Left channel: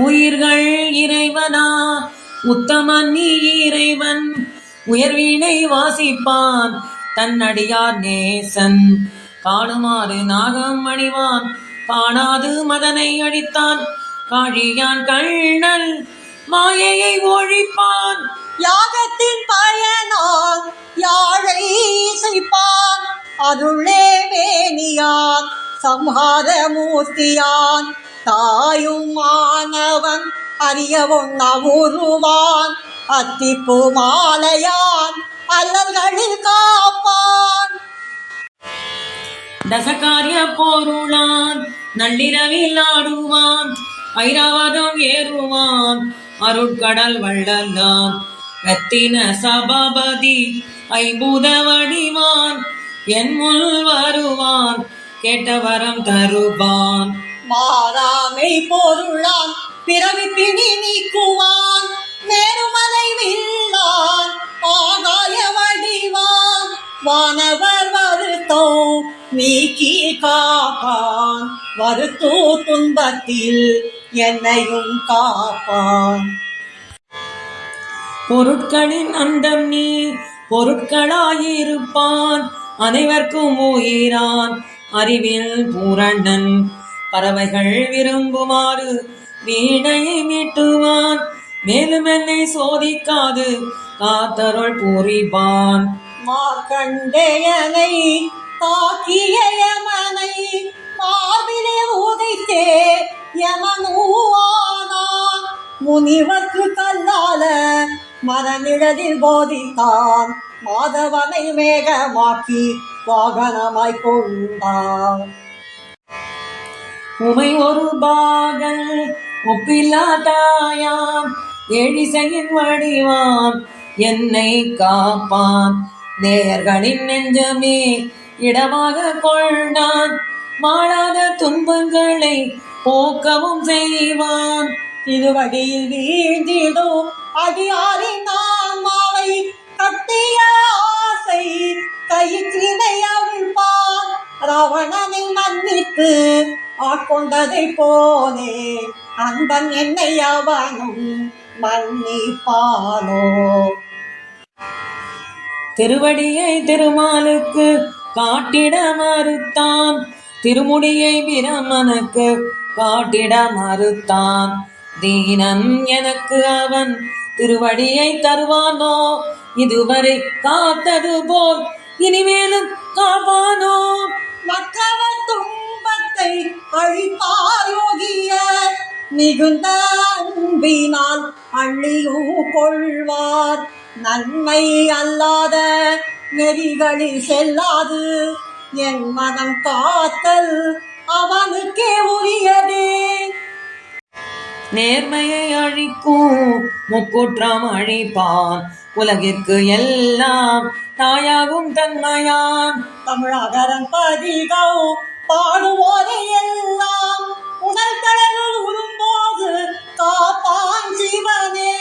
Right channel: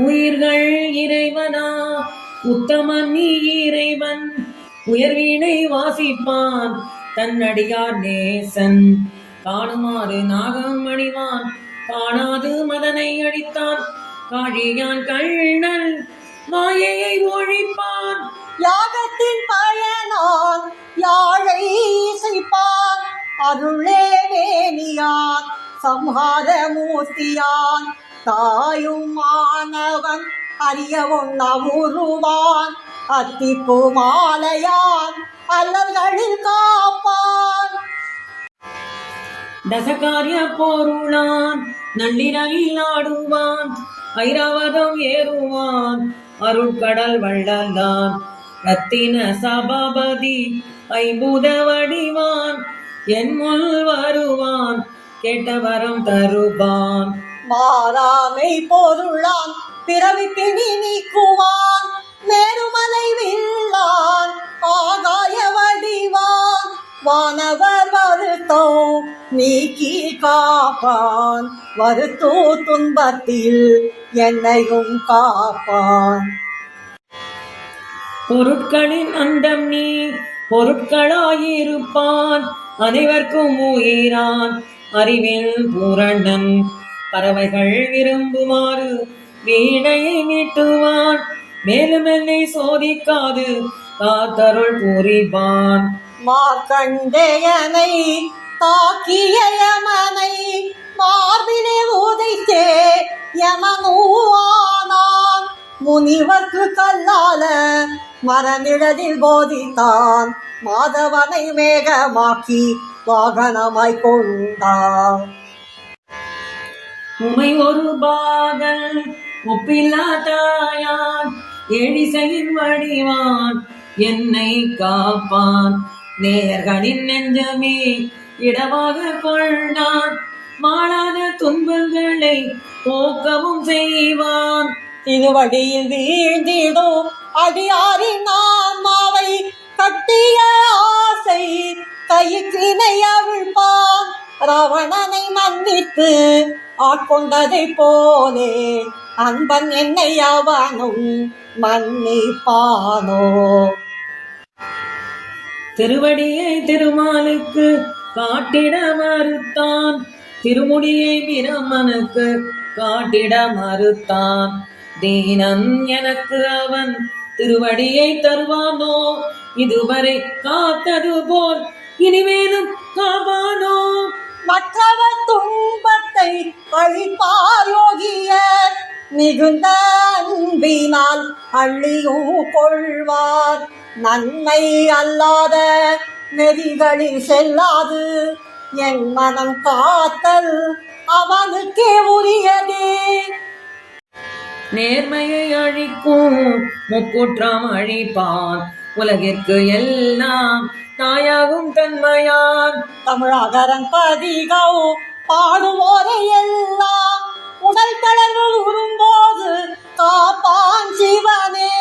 உயிர்கள் இறைவனா உத்தமன் நீ இறைவன் உயர்வீனை வாசிப்பான் தன்னடியார் நேசன் காணுமாறு நாகம் அணிவான் காணாது மதனை அழித்தான் காழியான் கண்ணன் மாயையை ஒழிப்பான் யாகத்தின் பயனான் யாழை இசைப்பான் அருளே வேணியான் சம்ஹார மூர்த்தியான் தாயும் மாணவன் அறிய உருவான் அத்திப்பூ மாலையான் அல்லல்களில் காப்பான் தசகாரிய போருளான் நள்ளிரவில் ஆடுவான் ஐராவதம் ஏறுவான் அருட்கடல் வள்ளந்தான் ரத்தின சபாபதி ஐம்பூத வடிவான் என் முள் வருவான் கேட்ட வரம் தருவான் மாறாமை பொருளான் பிறவி பிணி நீக்குவான் மேருமலை வில்லான் ஆகாய வடிவான் வானவர் வருத்தோ நீக்கி காப்பான் வருத்தோ துன்பத்தில் என்னையும் காப்பான் பொருட்களின் அந்தம் நீ பொருட்களாயிருப்பான் அனைவர்க்கும் உயிரான் அறிவில் பூரணன் பறவைகள் விரும்புமாறு வீணையை மீட்டுவான் மேலும் என்னை சோதிக்காது காத்தருள் புரிவான் மார்க்கண்டேயனை தாக்கிய யமனை மார்பிலே உதைத்தே யமனூவானான் முனிவர்க்கு கல்லால மரநிழலில் போதித்தான் மாதவனை மேகமாக்கி வாகனமாய் கொண்டான் உமை ஒரு பாகல் ஒப்பில்லா தாயான் எழிசையின் வடிவான் என்னை காப்பான் நேயர்களின் நெஞ்சமே இடமாக கொண்டான் மாறாத துன்பங்களை போக்கவும் செய்வான் திருவடியில் வீழ்ந்திடும் அடியாரின் ஆன்மாவை கட்டிய ஆசை கயிற்றினை அவிழ்ப்பான் ராவணனை மன்னித்து ஆட்கொண்டதை போலே அன்பன் என்னை அவனும் மன்னிப்பானோ திருவடியை திருமாலுக்கு காட்டிட மறுத்தான் திருமுடியை பிரமனுக்கு காட்டிட மறுத்தான் தீனன் எனக்கு அவன் திருவடியை தருவானோ இதுவரை காத்தது போல் இனிமேலும் காப்பானோ மற்றவர் துன்பத்தை அழிப்பாயோகிய மிகுந்த அன்பினால் அள்ளியும் கொள்வார் நன்மை அல்லாத நெறிகளில் செல்லாது என் மனம் காத்தல் அவனுக்கே உரியதே நேர்மையை அழிக்கும் முக்குற்றம் அழிப்பான் உலகிற்கு எல்லாம் தாயாகும் தன்மையான் தமிழகரன் பதிகோ பாடுவோரை எல்லாம் உடல் தளர்வு உறும்போது காப்பான் சிவனே